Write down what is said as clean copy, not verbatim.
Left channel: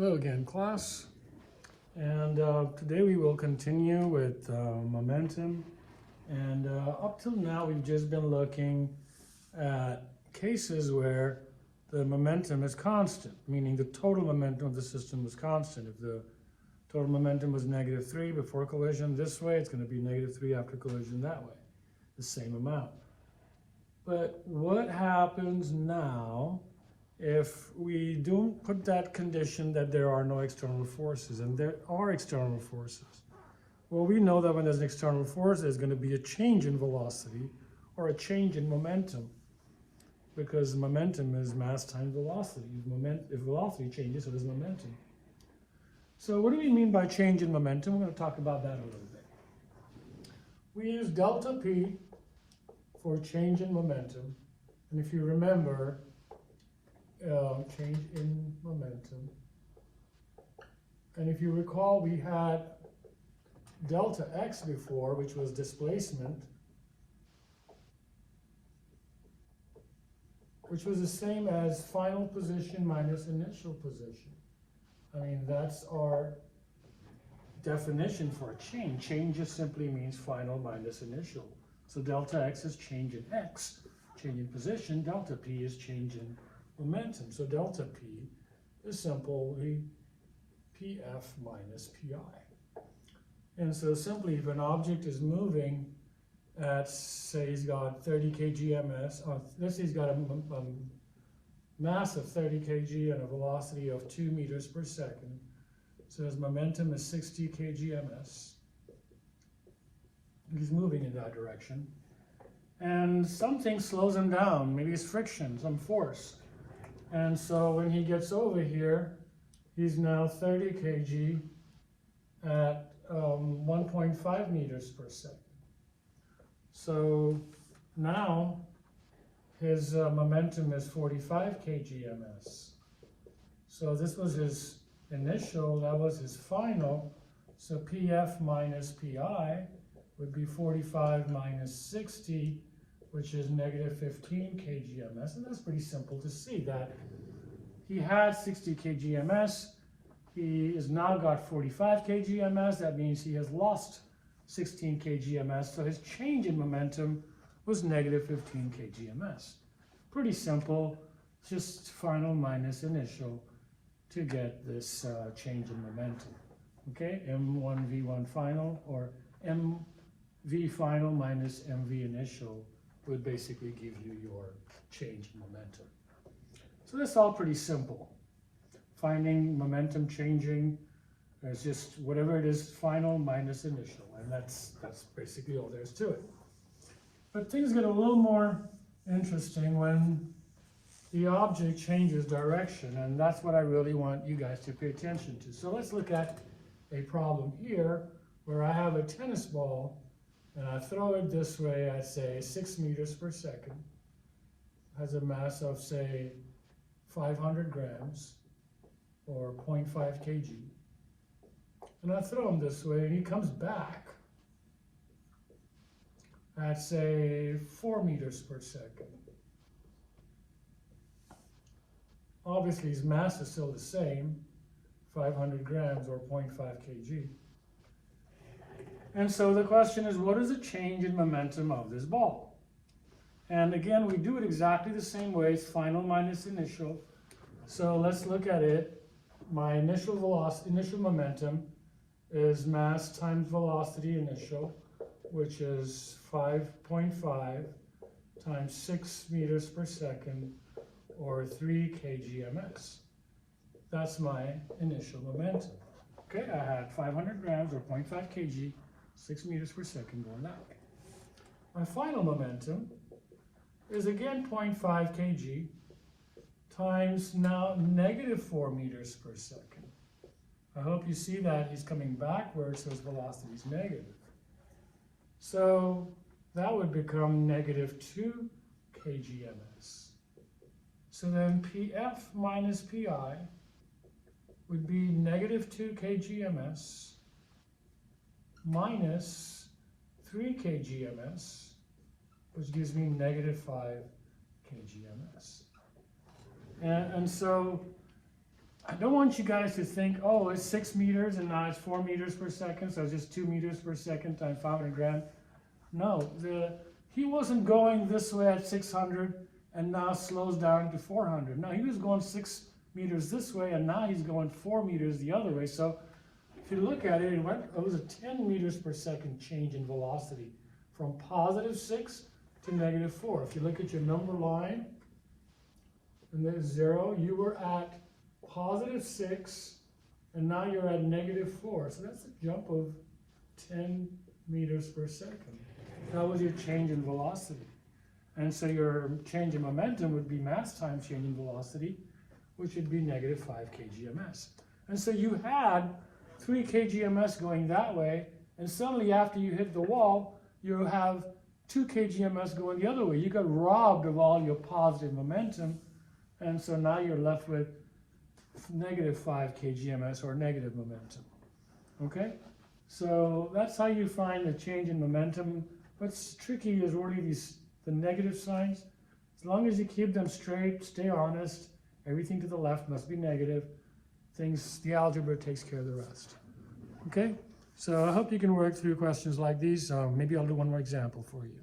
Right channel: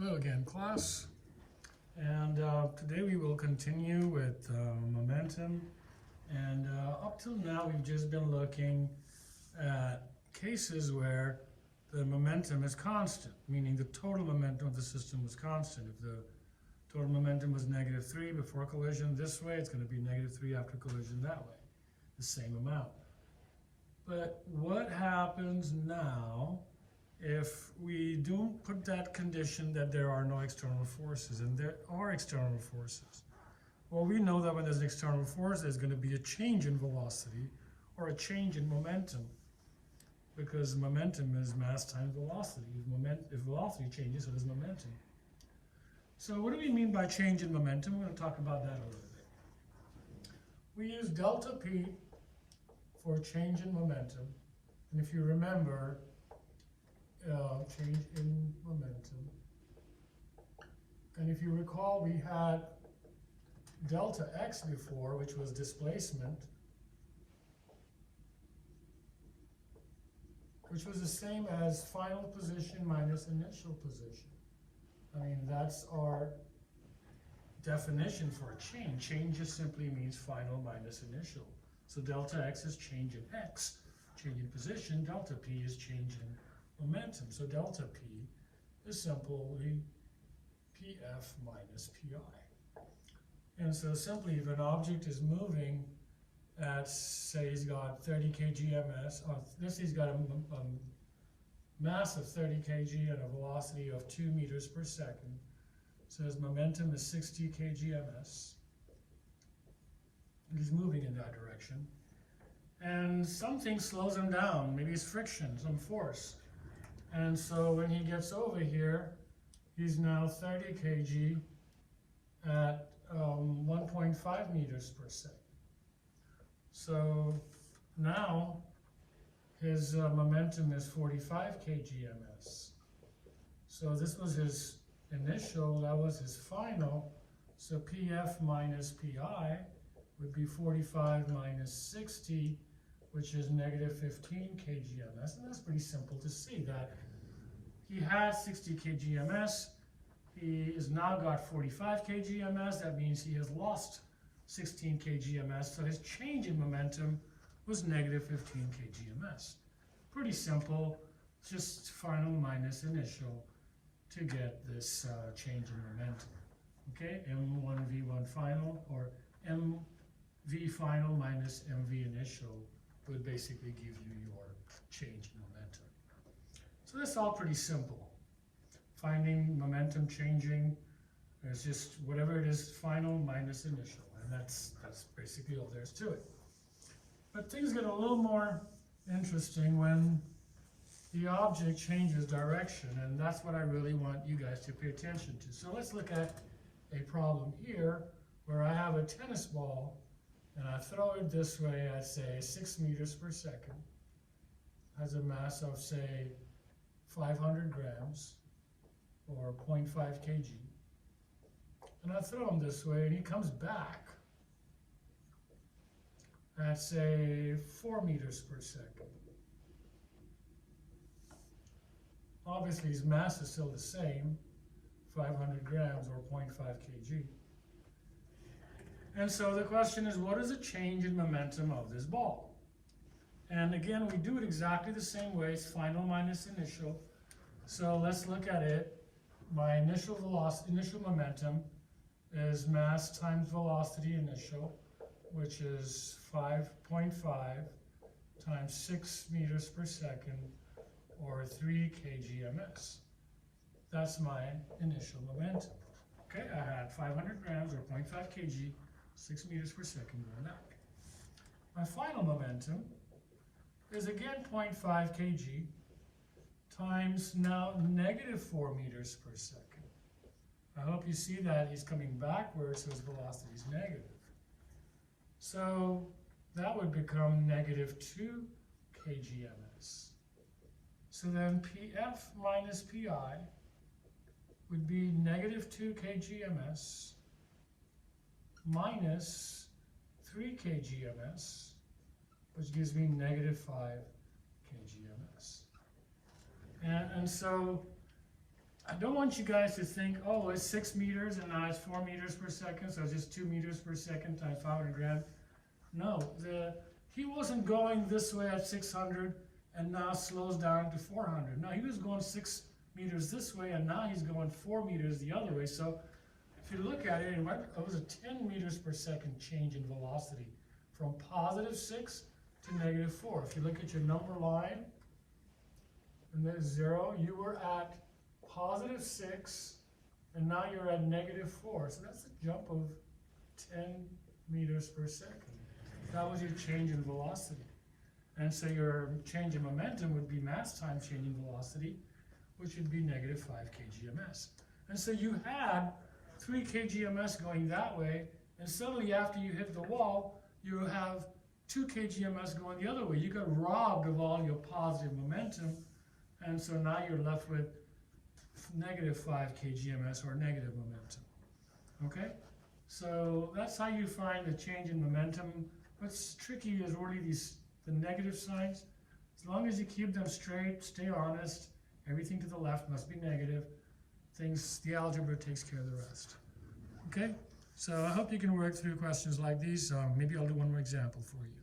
Hello again, class. And today we will continue with momentum. And up till now, we've just been looking at cases where the momentum is constant, meaning the total momentum of the system was constant. If the total momentum was -3 before collision this way, it's going to be -3 after collision that way, the same amount. But what happens now if we don't put that condition that there are no external forces, and there are external forces? Well, we know that when there's an external force, there's going to be a change in velocity or a change in momentum, because momentum is mass times velocity. If velocity changes, so does momentum. So what do we mean by change in momentum? We're going to talk about that a little bit. We use delta P for change in momentum, and if you remember, change in momentum. And if you recall, we had delta x before, which was displacement, which was the same as final position minus initial position. I mean, that's our definition for a change. Change just simply means final minus initial. So delta x is change in x, change in position. Delta p is change in momentum. So delta p is simply pf minus pi. And so simply, if an object is moving at, say, he's got 30 kg ms, he's got a mass of 30 kg and a velocity of 2 meters per second. So his momentum is 60 kg ms. He's moving in that direction. And something slows him down. Maybe it's friction, some force. And so when he gets over here, he's now 30 kg at 1.5 meters per second. So now his momentum is 45 kg ms. So this was his initial, that was his final. So pf minus pi would be 45 minus 60, which is -15 kg ms. And that's pretty simple to see that he had 60 kg ms. He has now got 45 kg ms. That means he has lost 16 kg ms. So his change in momentum was -15 kg ms. Pretty simple, just final minus initial to get this change in momentum. Okay, m1 v1 final, or mv final minus mv initial would basically give you your change in momentum. So that's all pretty simple. Finding momentum changing is just whatever it is, final minus initial, and that's basically all there is to it. But things get a little more interesting when the object changes direction, and that's what I really want you guys to pay attention to. So let's look at a problem here where I have a tennis ball and I throw it this way at, say, 6 meters per second, has a mass of, say, 500 grams or 0.5 kg. And I throw him this way and he comes back at, say, 4 meters per second. Obviously, his mass is still the same, 500 grams or 0.5 kg. And so the question is, what is the change in momentum of this ball? And again, we do it exactly the same way. It's final minus initial. So let's look at it. My initial velocity, initial momentum is mass times velocity initial, which is 5.5 times 6 meters per second, or 3 kg ms. That's my initial momentum. Okay, I had 500 grams or 0.5 kg, 6 meters per second going that way. My final momentum is again 0.5 kg times now -4 meters per second. I hope you see that he's coming backwards, so his velocity is negative. So that would become -2 kg ms. So then pf minus pi would be -2 kg ms minus 3 kg ms, which gives me -5 kg ms. And so don't want you guys to think, oh, it's 6 meters and now it's 4 meters per second, so it's just 2 meters per second times 500 grams. No, he wasn't going this way at 600 and now slows down to 400. No, he was going 6 meters this way and now he's going 4 meters the other way. So if you look at it, it was a 10 meters per second change in velocity from +6 to -4. If you look at your number line, and there's 0, you were at +6, and now you're at -4. So that's a jump of 10 meters per second. That was your change in velocity. And so your change in momentum would be mass times change in velocity, which would be -5 kgms. And so you had 3 kgms going that way, and suddenly after you hit the wall, you have 2 kgms going the other way. You got robbed of all your positive momentum, and so now you're left with -5 kgms or negative momentum. Okay? So that's how you find the change in momentum. What's tricky is really the negative signs. As long as you keep them straight, stay honest, everything to the left must be negative. The algebra takes care of the rest. Okay? So I hope you can work through questions like these. Maybe I'll do one more example for you.